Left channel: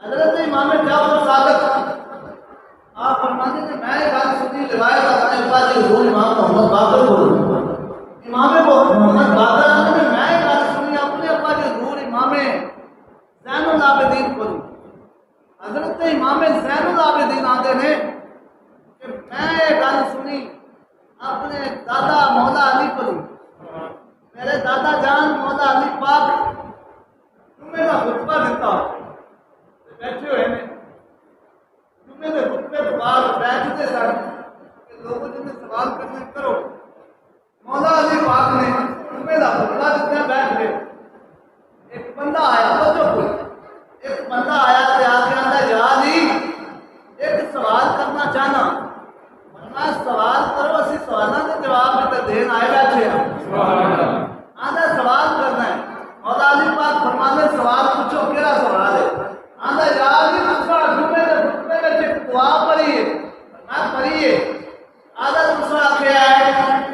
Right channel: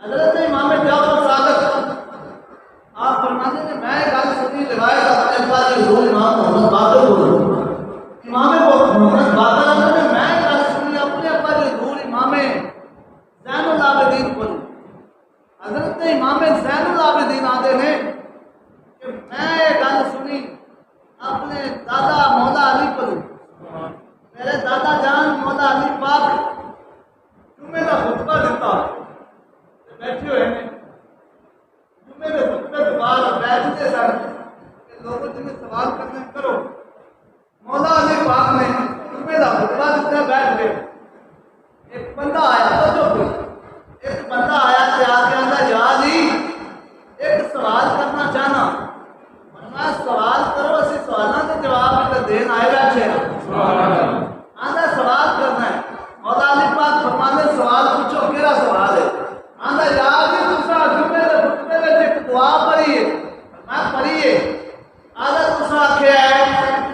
حضرت امام جعفر صادق آپ فرماتے ہیں میں ایک گل سنی روایت اپنے ابا جی حضور امام محمد باقر کو امام محمد باقر نے میں ایک گل سنی اپنے ابا جی حضور امام زین العابدین کو حضرت امام زین العابدین آتے ہیں کہ میں یہ گل سنی اپنے دادا مولا علی کو میرے دادا جان مولا علی پاک جمعے کا خطبہ دیتا بیٹھے ہوئے ہیں جمعے کے خطبے کے بعد بیٹھتے سن کہ لوگوں جنہیں سوال کرنے کرو مولا علی پاک نے جمعے کا خطبہ دیتا بیٹھ گئے ایک بندہ آیا توجہ کوئی ایک بندہ آیا تو آ کے آتا یا علی ایک سوال کرنا چاہنا میں سوال کرو اسی سوالوں کے جواب بھی دین آئے بیٹھے ہیں آدھا سوال کرنا ہے مولا علی پاک فرماتے سوال پوچھو کیڑا سوال ہے آدھا یا علی دوسرا جمعے کے خطبے میں ایک دعا پڑھی ہے میں پڑھی ہے آدھا دوسرا آخیا ہے